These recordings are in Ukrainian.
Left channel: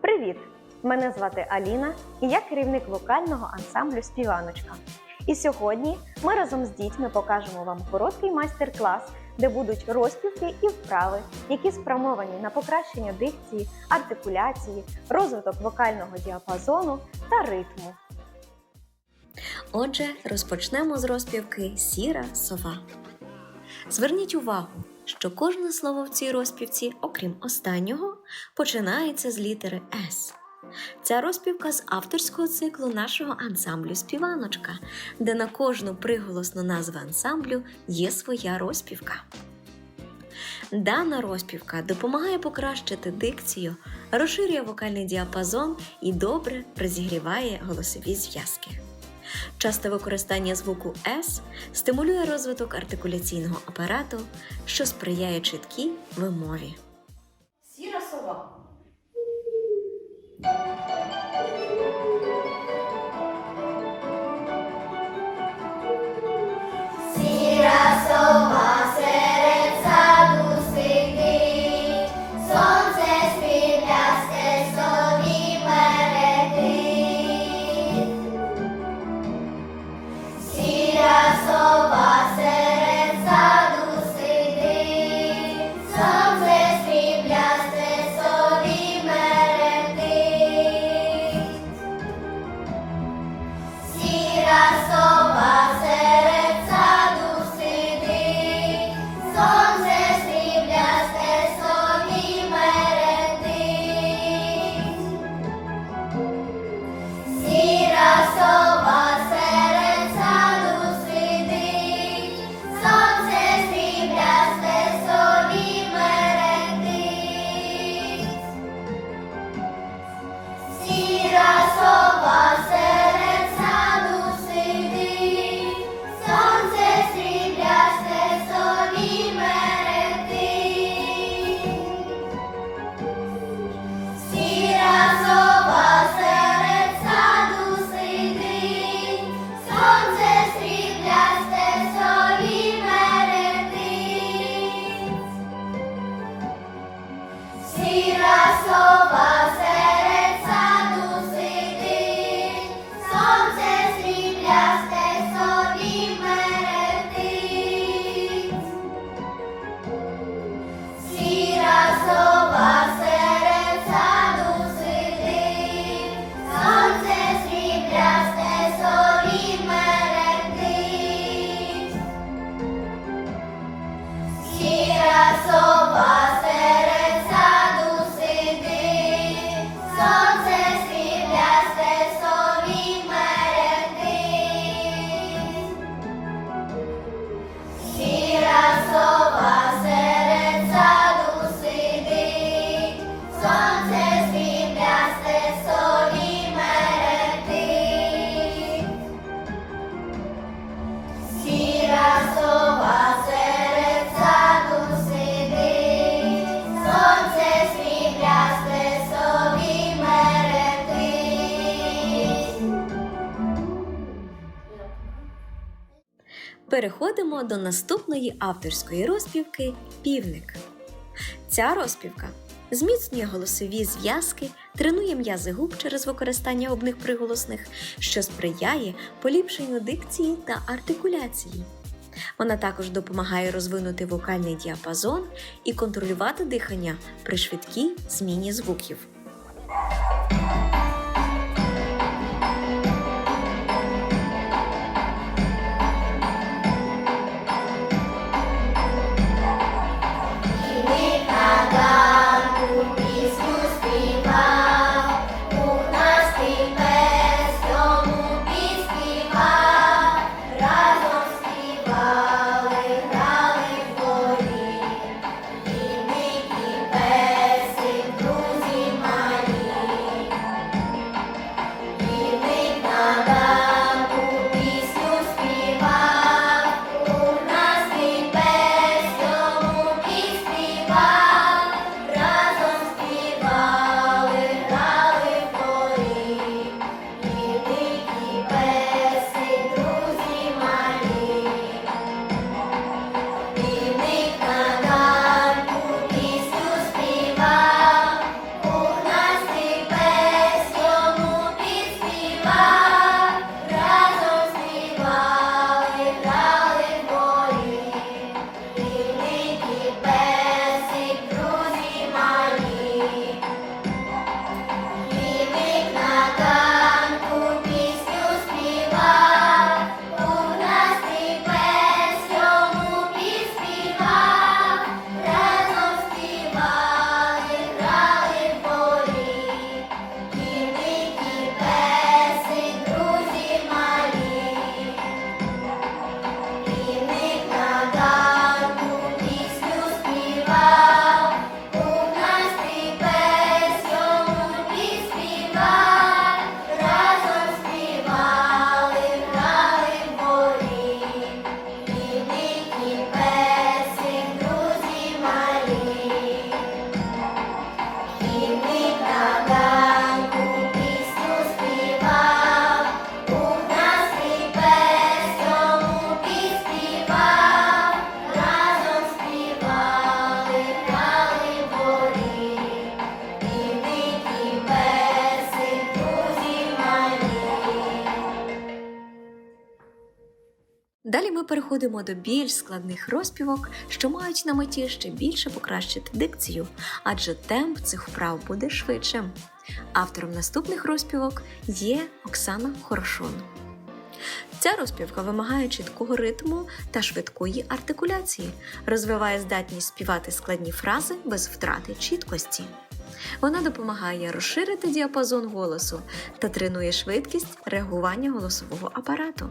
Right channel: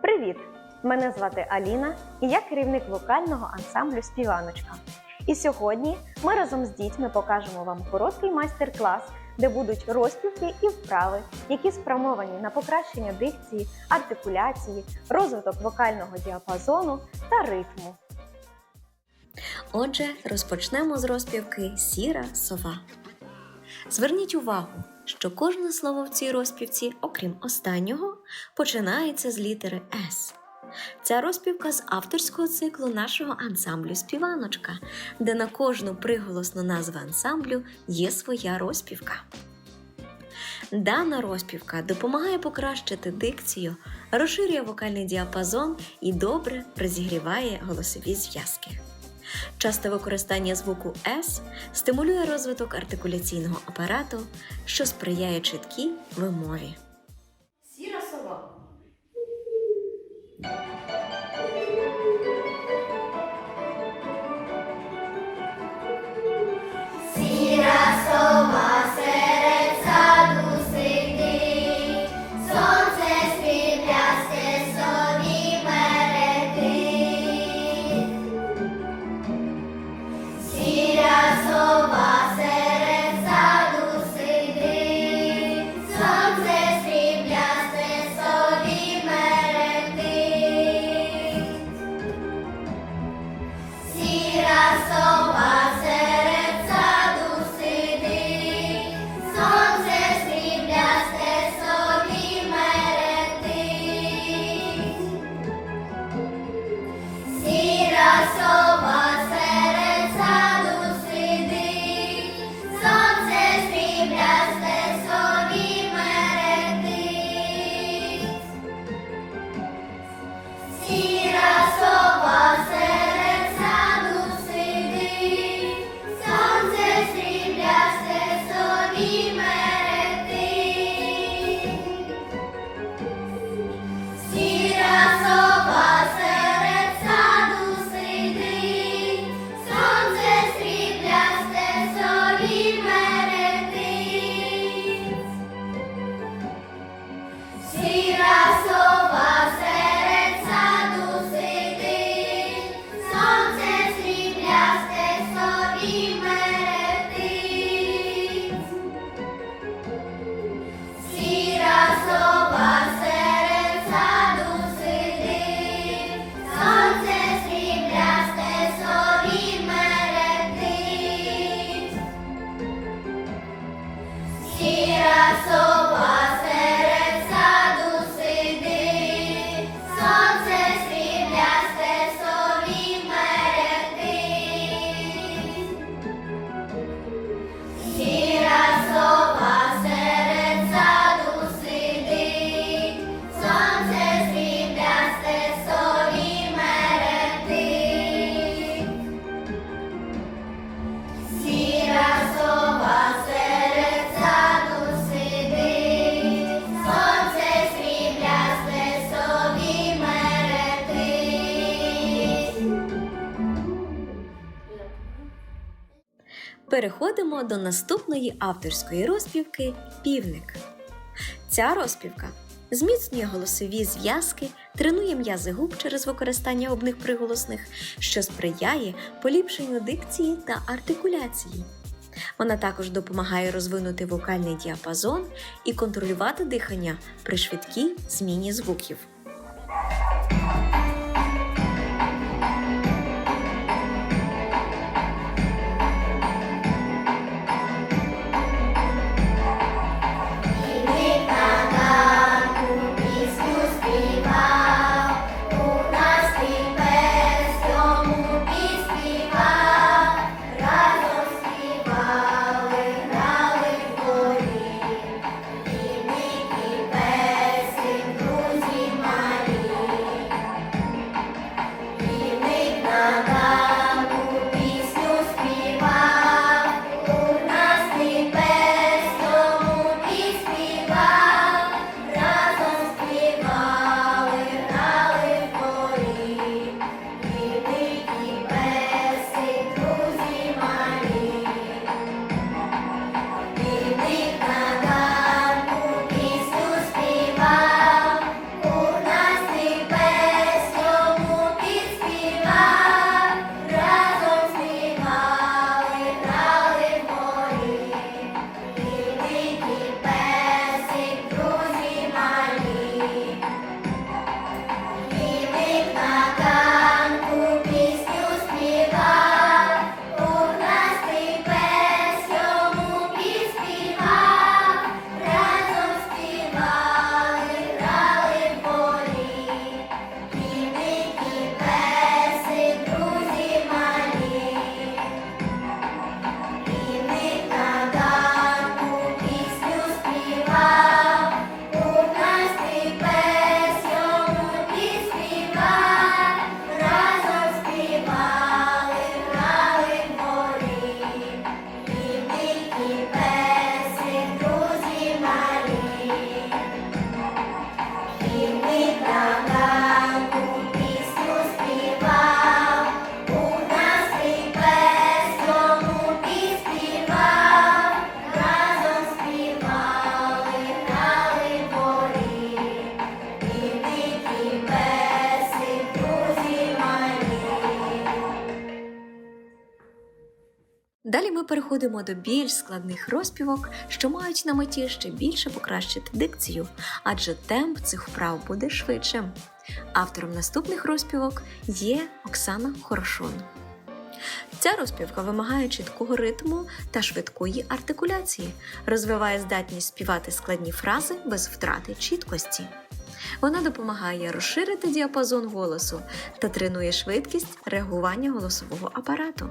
Привіт! Мене звати Аліна і я керівник вокального ансамблю Співаночка. І сьогодні ми разом з дітьми покажемо вам короткий майстер-клас, де будуть розпівки і вправи, які спрямовані на покращення дикції, артикуляції, розвиток вокального діапазону та ритму. Отже, розпочнемо з розпівки Сіра сова. Зверніть увагу, що кожне слово в цій розпівці, окрім останнього, починається з літери С. Ця розпівка з авторського циклу нашого ансамблю Співаночка, де на кожну приголосну назву ансамблю є своя розпівка. Дана розпівка допомагає покращити дикцію, розширює вокальний діапазон і добре розігріває голосові зв'язки. Часте використання звуку С стимулює розвиток артикуляційного апарату, що сприяє чіткій вимові. Переходимо до наступної авторської розпівки Півник. Ця розпівка зміцнює голосові зв'язки, тренує м'язи губ через використання обних приголосних, що сприяє поліпшенню дикції та артикуляції. Вона також допомагає розвинути вокальний діапазон і контролювати дихання при швидкій зміні звуків. Далі ми переходимо до більш складних розпівок, що мають на меті ще більше покращити дикцію, адже темп цих вправ буде швидшим. Автором наступних розпівок є Оксана Хорошун. Ця розпівка вимагає чіткого ритму та швидкої артикуляції, розвиває здатність співати складні фрази без втрати чіткості. Вона допомагає розширити діапазон голосу та тренує швидкість реагування голосового апарату.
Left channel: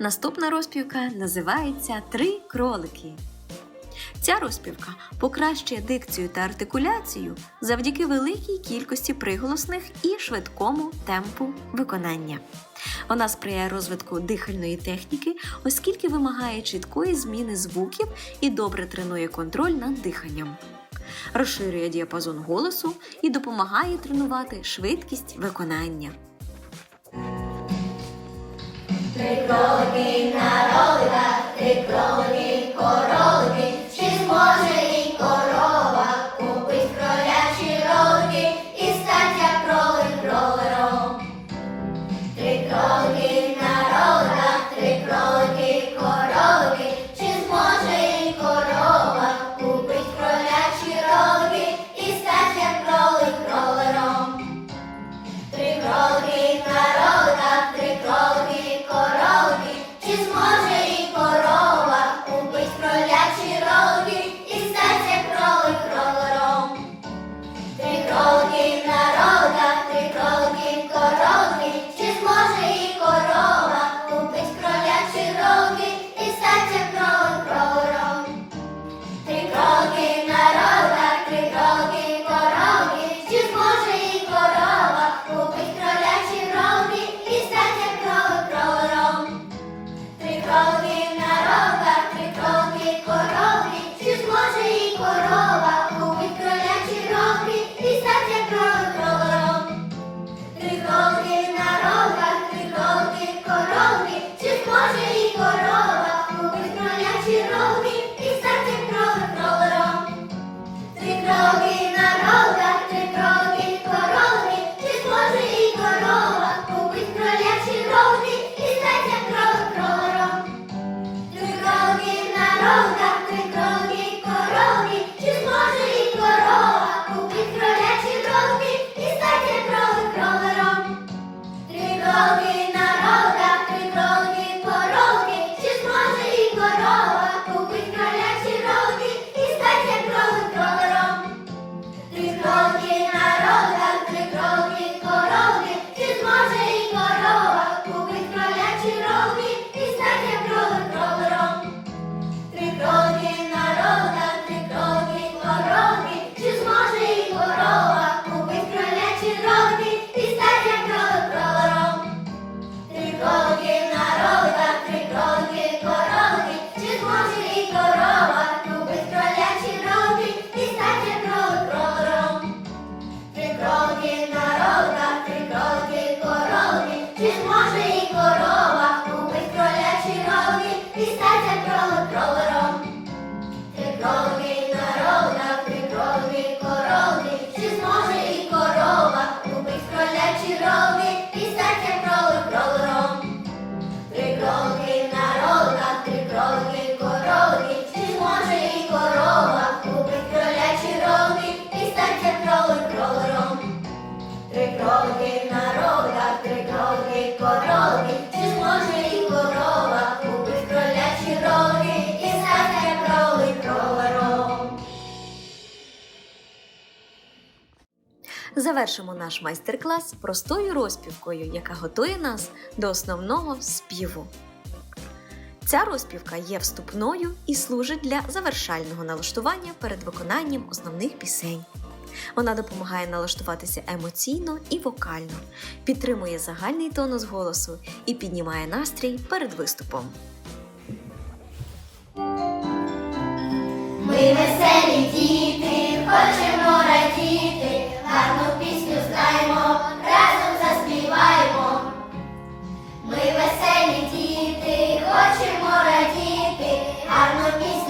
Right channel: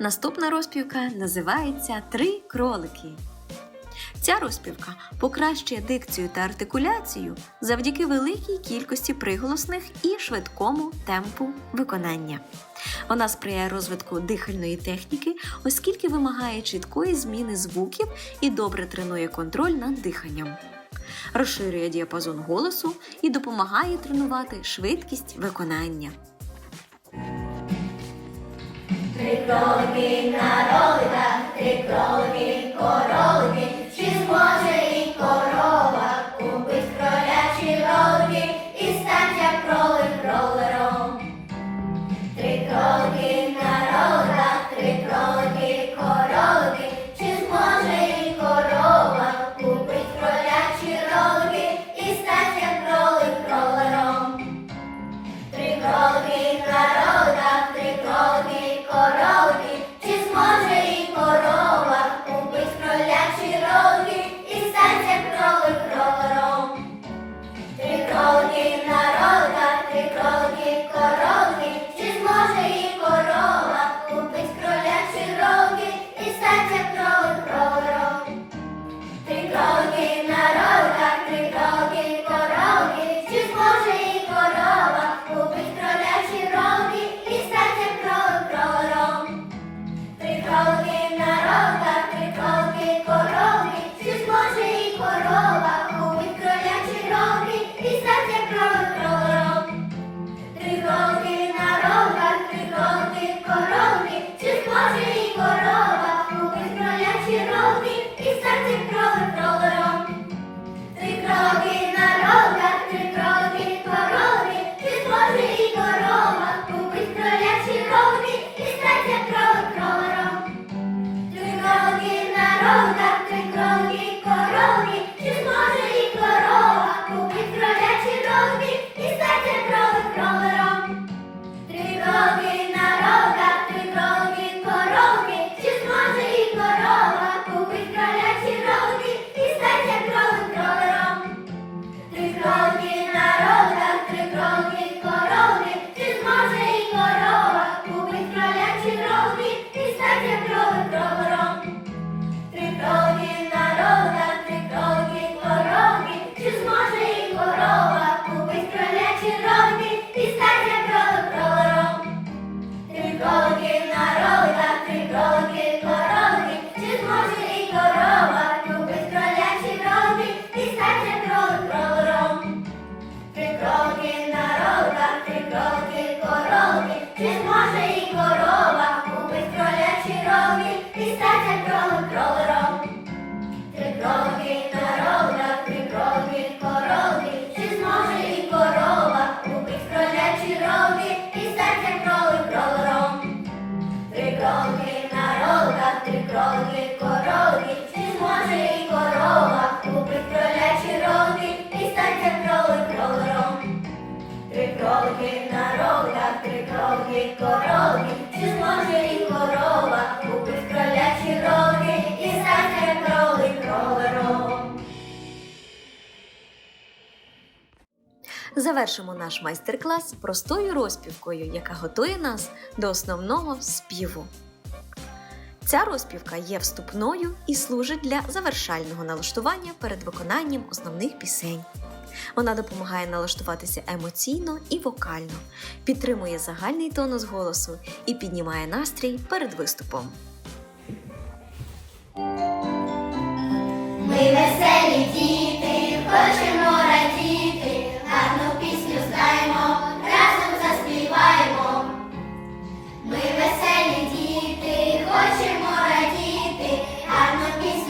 Наступна розпівка називається Три кролики. Ця розпівка покращує дикцію та артикуляцію завдяки великій кількості приголосних і швидкому темпу виконання. Вона сприяє розвитку дихальної техніки, оскільки вимагає чіткої зміни звуків і добре тренує контроль над диханням, розширює діапазон голосу і допомагає тренувати швидкість виконання три кролики на роликах, три королики. корови, чи зможе і корова, купить кролячі роги і стане крови провором. Завершимо наш майстер-клас простою розпівкою, яка готує нас до основного співу. Ця розпівка є вступною і служить для завершального налаштування перед виконанням основних пісень. Вона допомагає налаштуватися емоційно і вокально, підтримує загальний тонус голосу і піднімає настрій перед виступом. Ми веселі діти, хочемо радіти, гарну пісню знаємо, разом заспіваємо. Ми веселі діти, хочемо радіти, гарну пісню.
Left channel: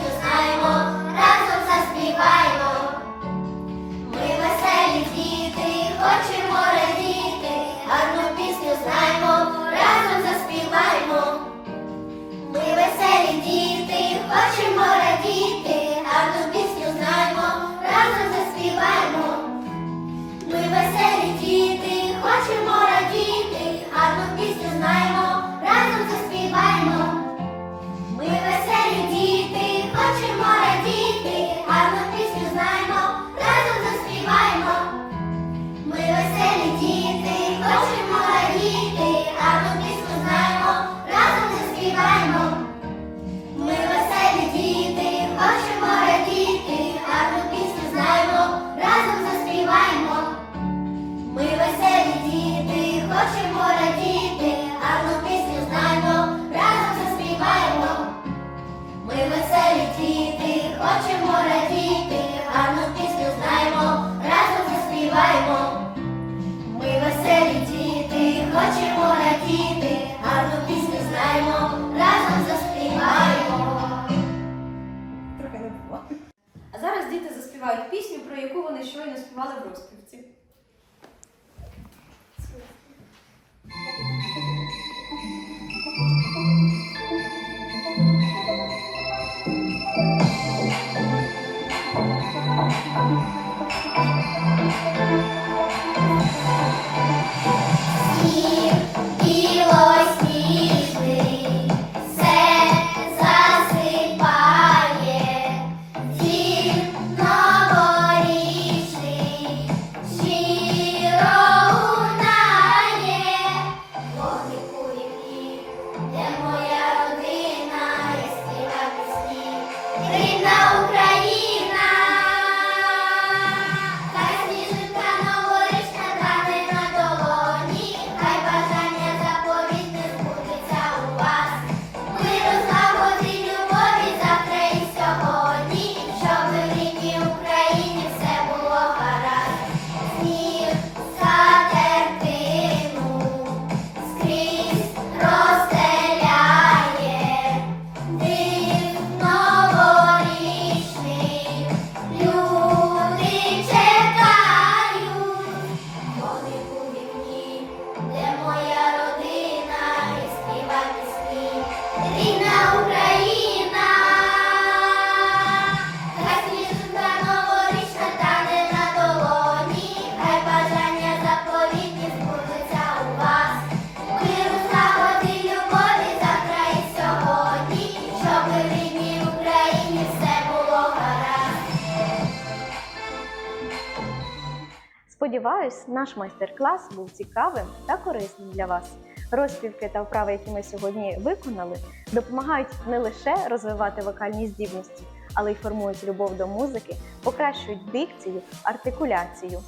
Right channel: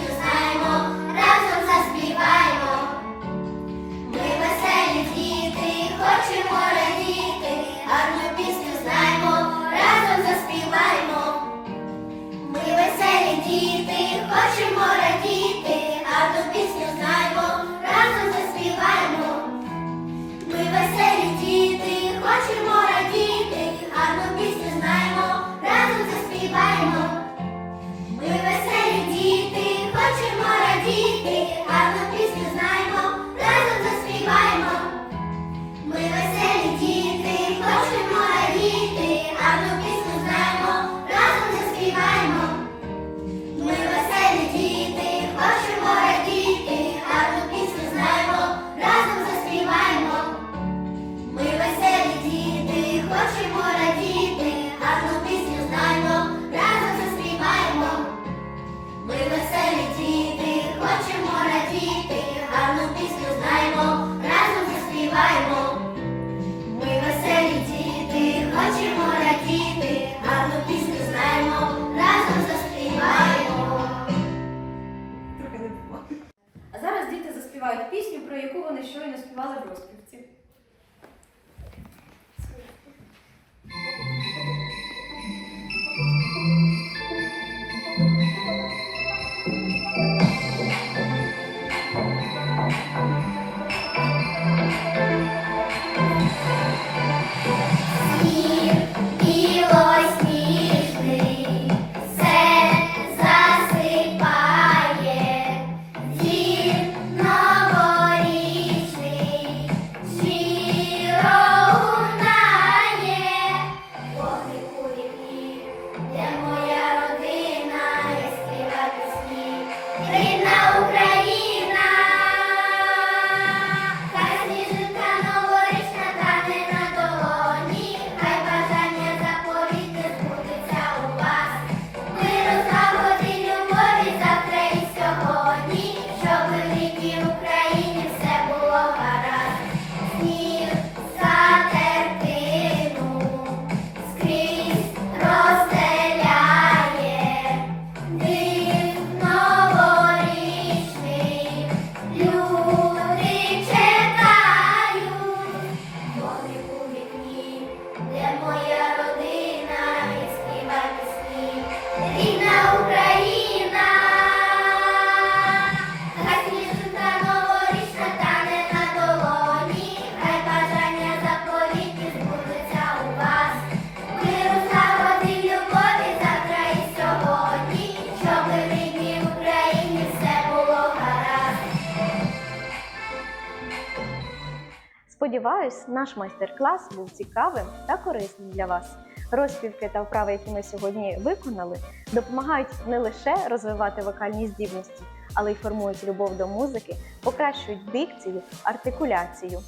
Сподіваюсь, наш майстер-клас був цікавим та корисним для вас. Розпівки та вправи, які ми сьогодні виконали, допомагають не лише розвивати вокальні здібності, але й формують любов до музики, покращують дикцію, артикуляцію.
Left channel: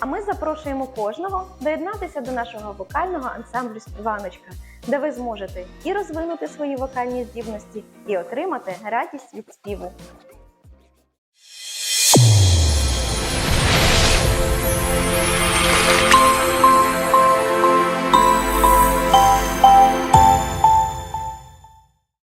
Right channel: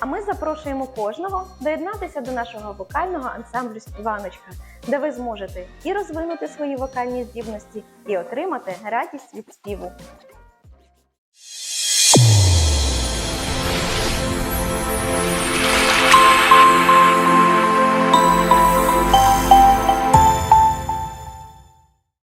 А ми запрошуємо кожного доєднатися до нашого вокального ансамблю Співаночка, де ви зможете і розвинути свої вокальні здібності, і отримати радість від співу.